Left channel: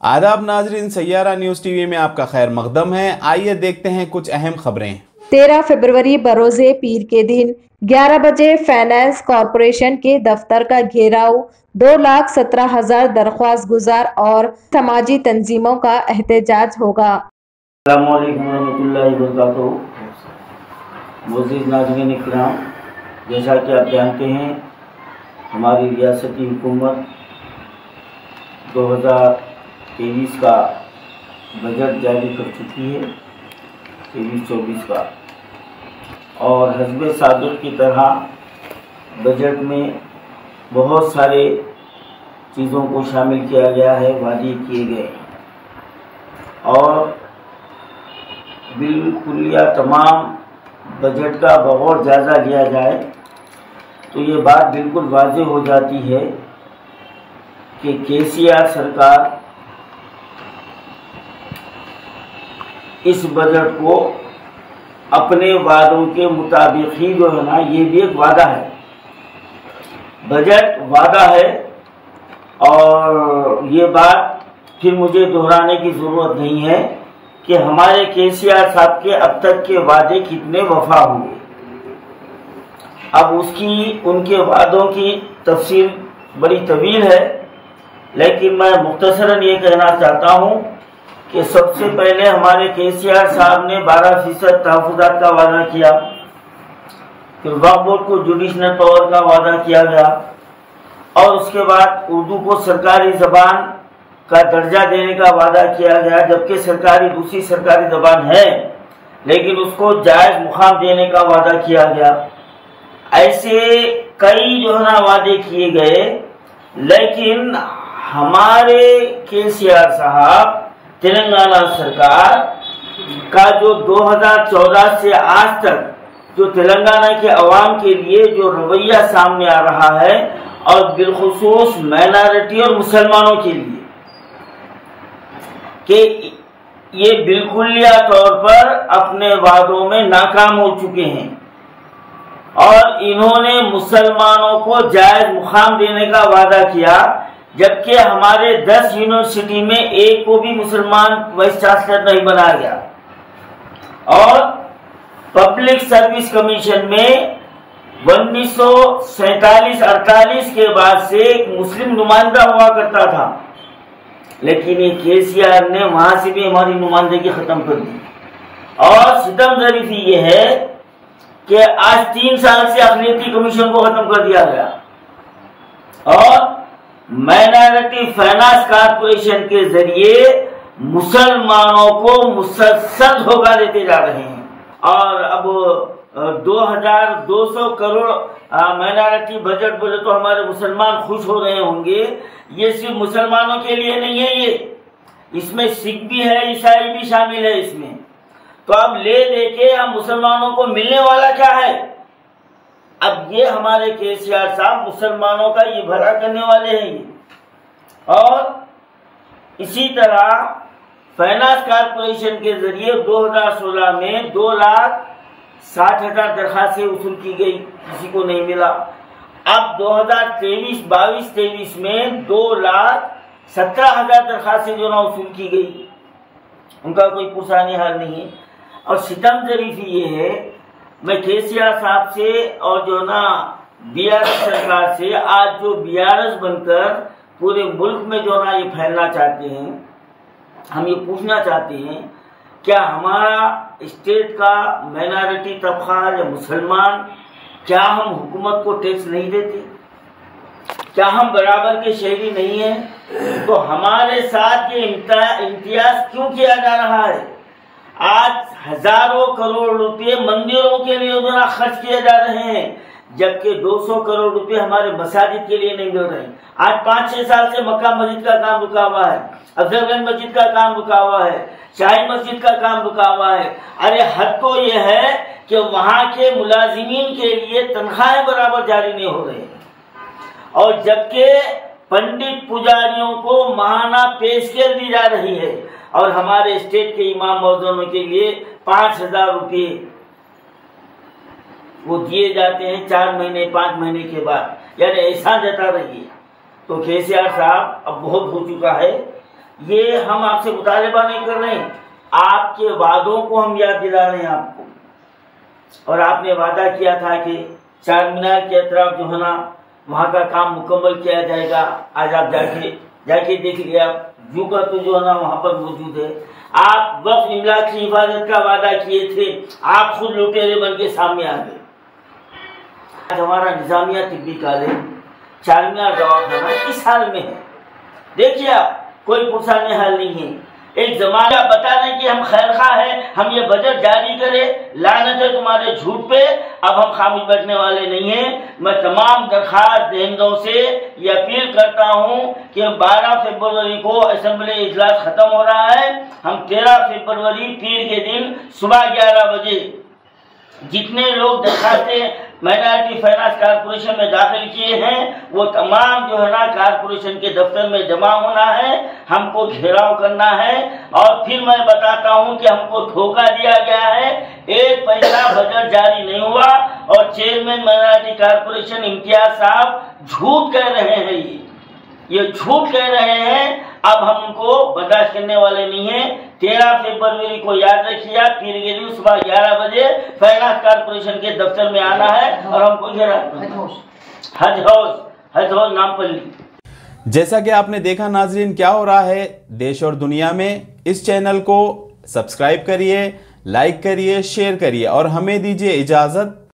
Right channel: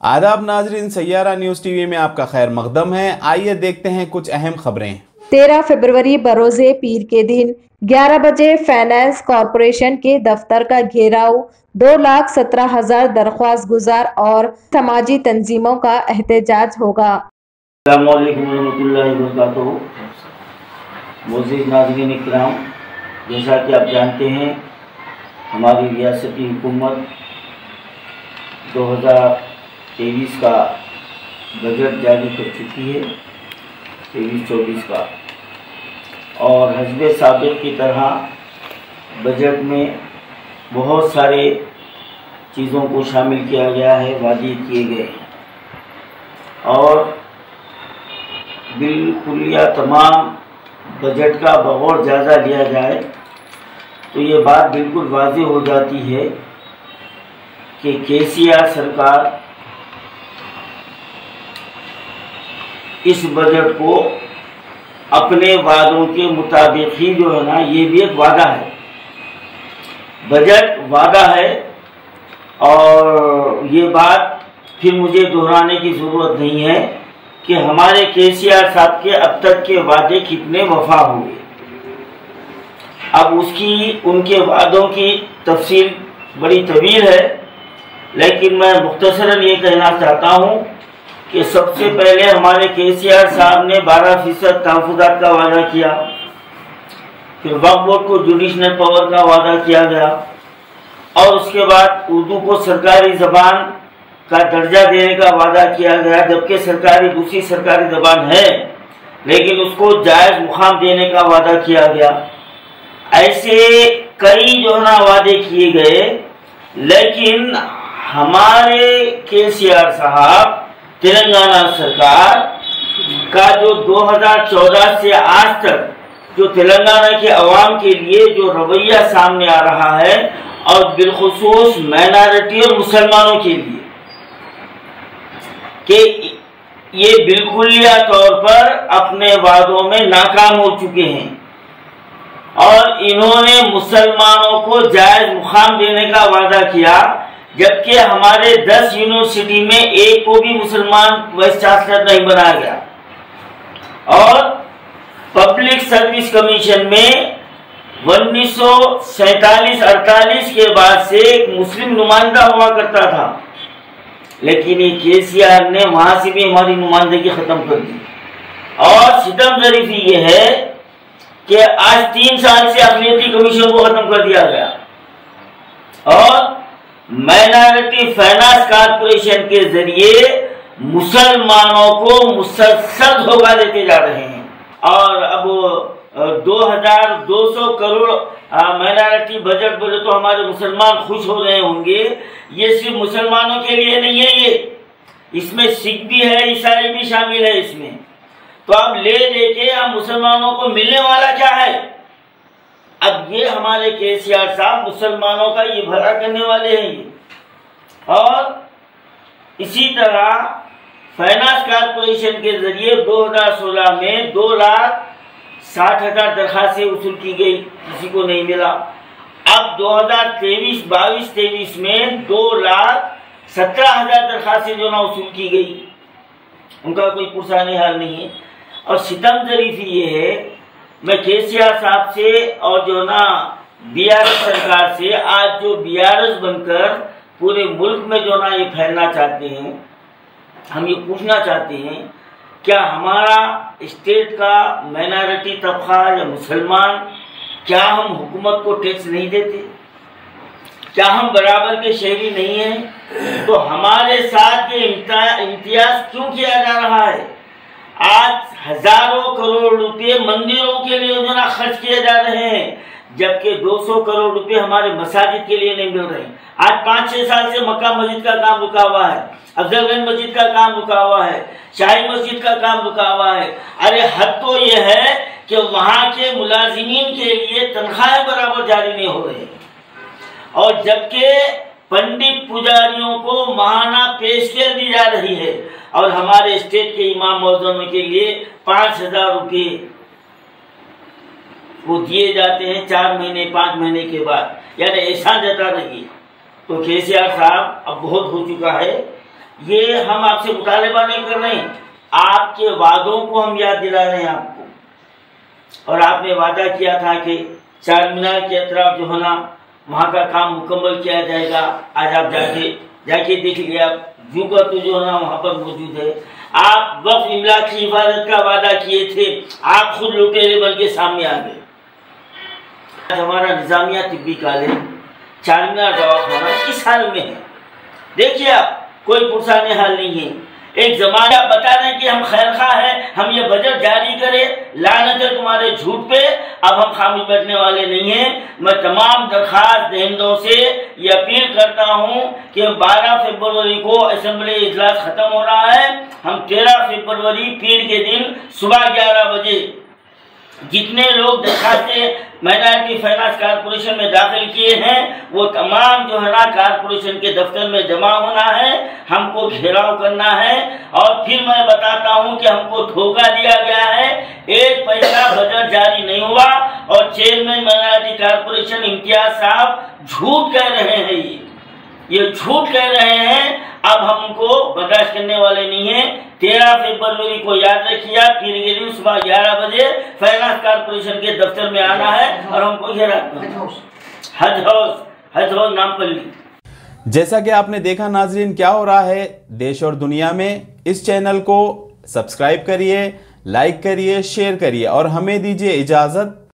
आदाब नाजरीन, Saiyaara news TV में आपका खैर मकदम है। आइए देखते हैं कुछ अहम खबरें। 13 फरवरी बरोज़े पीर के दिन 11 बजे फाइनेंस कॉरपोरेशन के दफ्तर का घेराव, 2,17,000 दरख्वास्त गुजार और समाजी तंजीमों का एहतजाज होगा। अस्सलामु अलैकुम रहमतुल्लाहि व बरकातुहू। मुअज़्ज़िज़ नाज़रीन इकराम, जैसा कि आप जानते हैं, हमारी रियासती हुकूमत 2023 का बजट जारी कर चुकी है, 23-24 का, और हस्बे साबिक़ की तरह बजट में बहुत सारे चीज़ों को शामिल किया गया है, वादे किए गए हैं और बिल्कुलिया तमाम बजट का बगौर जायज़ा लिया जाए तो ये बात बिल्कुल वाज़ेह हो जाती है कि केसीआर सरकार इस बजट को अपने वादों के मुताबिक ही जो है ना, ये भी एक वादा है, बजट वादा है। और ये बात फिर मुझे दोहराने की ज़रूरत नहीं है कि हमारे केसीआर साहब के अब तक के वादे कितने वफा हुए। अब उनके वादों की तफसील बड़ी तवील है, लेकिन मैं मुख्तसरन ये कहना चाहता हूँ कि सबसे पहले हमारे केसीआर साहब ने 12% तहफ़्फ़ुज़ात का वादा किया, फिर वक्फ बोर्ड को जुडिशनल पावर का वादा किया गया, और उसके बाद उर्दू को सरकारी ज़बान का दर्जा देने का वादा किया गया, जबकि दूसरी सरकारी ज़बान है, लेकिन उसको जायज़ मुकाम देने का वादा किया गया। ऐसे कई जो है ना वादे किए गए, लेकिन हमारे केसीआर साहब, तेलंगाना सरकार का जो 2014 से आज तक जो तेलंगाना के अवाम के लिए जो रवैया सामने आ रहा है, और बिलखुसूस माइनॉरिटी और मुसलमानों के लिए, कि ये बिल्कुलिया तौर पर अपने वादों में नाकाम हो चुके हैं और इन्होंने मुसलमानों को जायज़ मुकाम देने का वादा किया, जबकि हमारे 10 यूनिवर्सिटी में एक को भी मुसलमान वाइस चांसलर नहीं बनाया गया। और पब्लिक सर्विस कमीशन में 1947-48 के बाद से एक मुस्लिम नुमाइंदा हुआ करता था, लेकिन ये केसीआर ने वहां से भी हमारी नुमाइंदगी खत्म कर दी। और सितम ज़रीफ़ी ये है कि आज 3 साल से अक़लियती कमीशन को खत्म कर दिया गया और माइनॉरिटी फाइनेंस कॉरपोरेशन के जरिए मुसलमानों को मुसलसल धोखा देते जा रहे हैं। और अब 2,200 करोड़ माइनॉरिटी बजट बोले तो हमारे मुसलमान खुश हो रहे होंगे। ये सिर्फ मुसलमानों के लिए नहीं है, इसमें सिख भी है, ईसाई भी शामिल है इसमें। तो अब ले देके हम मुसलमानों को मिलने वाला क्या है? अब ये हमारे केसीआर साहब मुसलमानों का ये भला करने वाले हैं। और इसी तरह फाइनेंस कॉरपोरेशन के जरिए 2016 में 2,60,000 दरखास्तें वसूल की गई, किसी को नहीं मिला। अब 2023-22-23 में 2,17,000 दरखास्तें जो ना वसूल की गई, उनका कोई पुरसानी हाल नहीं है। और सितम ज़रीफ़ी ये है, मैं केसीआर साहब से और जो ना बीआरएस सरकार से, आज जो बीआरएस बनकर पूरे मुल्क में जो ना ये फैलना चाहते हैं, हम ये पूछना चाहते हैं, क्या हमारा स्टेट का माइनॉरिटी तबका या मुसलमान, क्या हम हुकूमत को टैक्स नहीं देते? क्या हम बराबर के शहरी नहीं हैं? तो हमारे साथ ये इम्तियाज क्यों किया जा रहा है? आज हजारों करोड़ रुपए मंदिरों के लिए जो ना खर्च किए जा रहे हैं, जबकि 200 करोड़ रुपए हमारे मसाजिद के लिए नहीं मिल रहे हैं। आज 5-6 साल से मक्का मस्जिद का काम रुका हुआ है, अफजलगंज मस्जिद का काम रुका हुआ है, शाही मस्जिद का काम रुका हुआ है। अरे हद तो ये है कि वहां के मुलाजिमीन के लिए तनख्वाहें बराबर जारी नहीं हो रही, और जबकि पंडित पुजारियों को माहाना पेशकश दी जा रही है, और हमारे स्टेट के इमाम मौजूदों के लिए 5,000 रुपये वो दिए जाते हैं 4 महीने 5 महीने के बाद, यानी एहसान जता रही है। तो केसीआर साहब अब बहुत हो चुका है, ये हम आपसे मुतालबा नहीं कर रहे हैं, आपके वादों को हम याद दिला रहे हैं आपको। और आपने वादा किया था कि चार मीनार के अतराफ जो है ना वहाँ का काम मुकम्मल किया जाएगा। आज आप जाके देख लिया, जू का तो जो है ना वहाँ पर मौजूद है। आप वक्फ इमलाक की हिफाजत का वादा किए थे, आप खुद लुटेरे बन के सामने आ गए। आज हमारा निजामिया तिब्बी कॉलेज, चार मीनार दवाखाना किस हाल में है देखिए आप, कोई पुरसाने हाल नहीं है। एक जमाना बता रहे कि हम खैरखा है, हम ये बजट जारी करें, लानत है तुम्हारे झूठ पे। अब हम खामोश बैठने वाले नहीं हैं। मैं तमाम दरखास्त दहिंदों से ये अपील करता हूं कि 12 फरवरी को असेंबली इजलास खत्म हो रहा है। हम 13 फरवरी पीर के दिन सुबह 11 बजे जितने लोग दरखास्तें माइनॉरिटी फाइनेंस कारपोरेशन में दाखिल किए हैं वो तमाम जो है ना कारपोरेशन के दफ्तर में जमा होना है, हमको घेराव करना है। और फिर मैं बताता हूं कि हमको धोखा दिया गया है, 1 पैसा बजट जारी नहीं हुआ और चेयरमैन माइनॉरिटी कारपोरेशन इम्तियाज साहब झूठ कह रहे हैं। ये झूठ कह रहे हैं। अब हमको बर्दाश्त करने वाले नहीं है। 13 फरवरी को याद रखिए, पीर के दिन सुबह 11 बजे फाइनेंस कारपोरेशन के दफ्तर में आना है और हमको घेरा हज हाउस नामपल्ली। जैसा कि आपने देखा नाजरीन क्या हो रहा है देश और दुनिया में, इस चैनल को सब्सक्राइब करिए, लाइक करिए, शेयर करिए और हमें दीजिए इजाजत।